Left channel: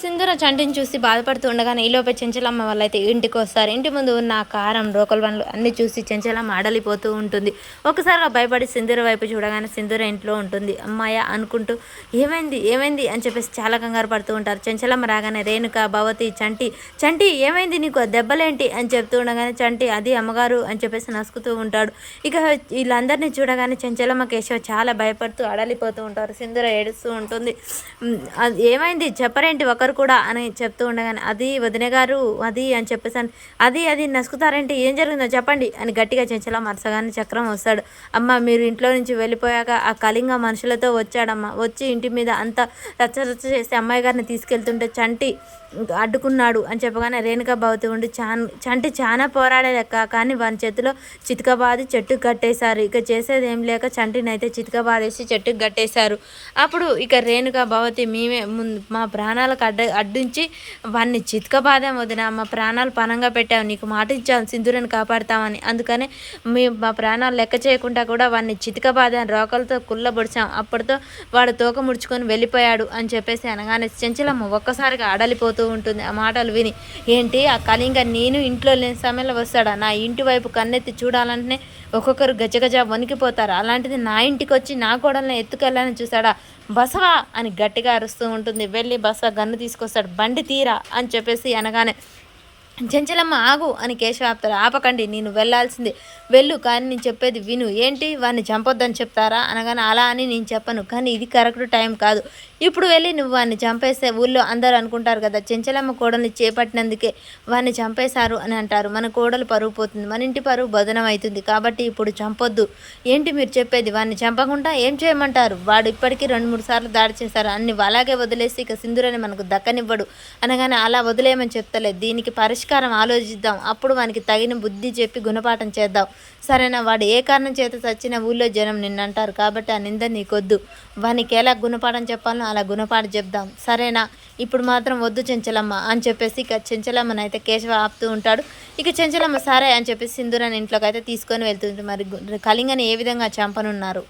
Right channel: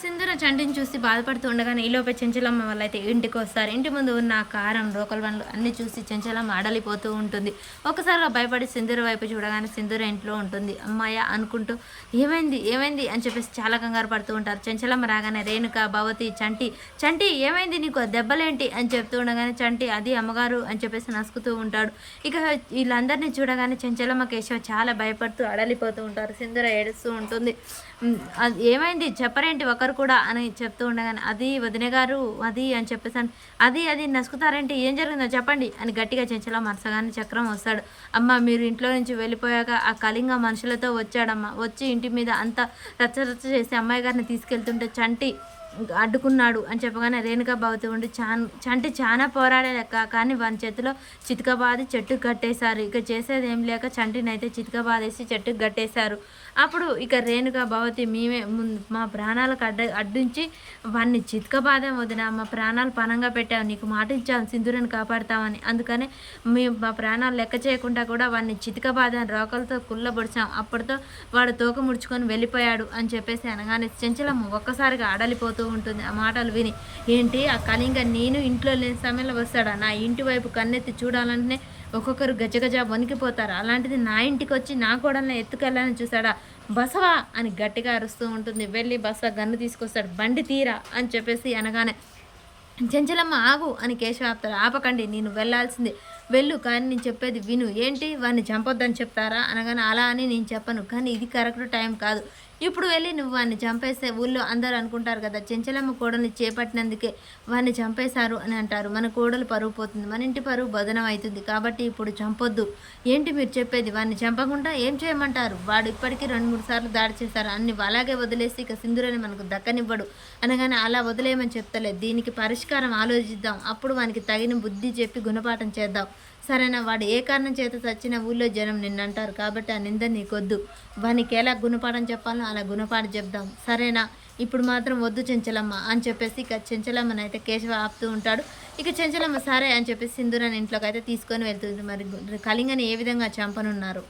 సింధూర చంటిని చూసి బాధపడుతూ ఉండగానే ఈలోపే చెంచలమ్మ వాళ్ళైతే ఇంటికి వస్తారు. ఇంటి ముందు ఉన్న ఆ కారం రోకల్ బండ్లు అన్నీ చూసి చెంచలమ్మ అడలిపోతూ ఉంటుంది. ఒకసారిగా భయపడి సింధూర వైపు చూడగానే సింధూర ఇంట్లో ఉంటుంది. అమ్మాయ అనుకుంటూ ఏమైంది ఏమైంది అని చెప్పేసి చాలా కంగారు పడుతూ ఉంటారు. చెంచలమ్మ రాగానే రేణుక, భవతి, చంటి చంటి ఏమైంది నీకు దెబ్బలేంటి అని చెప్తూ ఉండగానే చంటి అది అమ్మగారు అని చెప్పేసి నసుకుతూ ఉంటాడు. ఇక వీళ్ళందరినీ చూడగానే చెంచలమ్మ, కేశవ చాలా భయపడుతూ అడలిపోతూ ఉంటారు. సింధూర ఏడుస్తూ ఉంటుంది. అది ఏమైంది చెప్పరేంటి ఒకరు కూడా అని చెప్తూ ఉండగానే అది వదిన గారు అది అని చెప్పేసాను. అది నసుకుతారంటే ఏం జరిగిందో చెప్పండి అని గట్టిగా చెంచలా మరసగానే చక్రం వస్తాడు. అమ్మ మీరు ఇంట్లో నుంచి వెళ్ళిపోయాక ఆ కళింగ మనుషులతో వచ్చాడమ్మ. వచ్చి ఇంటి మీద అంతా రచ్చ చేసి అమ్మాయి గారిని తీసుకెళ్తుంటే చంటి అడ్డుకున్నాడు అని చెప్పగానే రేణుక భవతి ఉండి చంటి చాలా పోరాడే లెక్క, కానీ వాని చేతిలో చితకబాది చెట్టుకు కట్టేశారు. ఇక చేసేది ఏం లేక చంటిని అయితే చితకబాదేసి చెట్టుకు కట్టేశారు. అప్పుడు ఇక రేణుక భవతి మేమే మా ప్రాణాలకు అడ్డించి వాడిని చితకబాదాం వదిన, మా ప్రాణాలు పనంగా పెట్టావు, నీకు మాట ఇచ్చాం సింధూరని కాపాడుతామని, అందుకనే మేము మా ప్రాణాలు లెక్క చేయకుండా కూడా వాడిని చితకబాదాం, రోకలతో కుళ్ళబొడిచాం, అప్పటితో వాడు తోక ముడుచుకొని వెళ్ళిపోయాడు అని చెప్పేసి అనగానే చెంచలమ్మ ఒక్కసారిగా అడలిపోతూ ఉంటుంది. ఆ మాటలు విని ఏంటి ఆ కళింగ నేను ఇంట్లో లేని సమయంలో వస్తాడా, నా ఇంటి వైపు కన్నెత్తి చూడాలంటేనే ఒక్కొక్కరు గజగజ వణికిపోతారు, అలాంటిది నా ఇంటికి వచ్చి నా కోడల్ని ఎత్తుకెళ్ళాలని చూసాడా, బసవా అని గట్టిగా అరుస్తూ ఉంటుంది. వెళ్ళి బస గన్ను తీసుకొస్తాడు. బండి తీరా అని చెప్పేసి అనగానే చెంచలమ్మ ఆగు అని కేశవ ఆపుతారు. ఆపకండి, నేను వెళ్ళాల్సిందే, వెళ్ళు, కానీ నేను చెప్పేది విను. ఏంటి వాడిని చంపొద్దని చెప్తారా అనగానే అలా అని నేను చెప్పను, కానీ ఇది కరెక్ట్ టైం కాదు, ఇప్పుడు వెళ్ళి నువ్వు వాడిని చంపేస్తే ఊళ్ళో అందరూ అనుకుంటారు కదా చెంచలమ్మ కోడల్ని చేపట్టినందుకే వాడిని చంపేశారు అని అంటారు, మన కోడలు పరుగు పోతుంది, మన ఇంటి పరుగు బదనం అవుతుంది, కాబట్టి ఇప్పుడు చంపొద్దు. ఏంటి మీరు చెప్పేది, వాడిని చంపకుండా ఏం చేయమంటారు, వాడు ఇప్పటికీ 2-3 సార్లు దాడి చేశారు, అన్ని అలాగే వదిలేసి ఇక సింధూరని మనకు దక్కనివ్వడు అనగానే అలా వదిలేయమని చెప్తలేదు, దీనికి పరిష్కారం ఆలోచిద్దాం, అప్పుడు వానికి తగిన బుద్ధి చెప్పి గుణపాఠం చేద్దాం, సరేనా, వాడు ఏ కారణం చేత చచ్చిన ఊళ్ళో జనం నిన్నంటారు, కాబట్టి ఆ నింద నీకొద్దు, వానికి ఎలా గుణపాఠం చెప్పాలో అలా గుణపాఠం చెప్దాం, సరేనా, ఇప్పుడు మాత్రం వద్దు చెంచలమ్మ అని చెప్పేసి ఇక చెంచలమ్మని అయితే కేశవ ఆపుతూ ఉంటాడు. ఇక చెంచలమ్మ సరే అని చెప్పేసి సింధూరాన్ని ఇంట్లోకి అయితే తీసుకొని వెళ్తుంది. మరి కళింగని ఏ విధంగా చంపనున్నారు.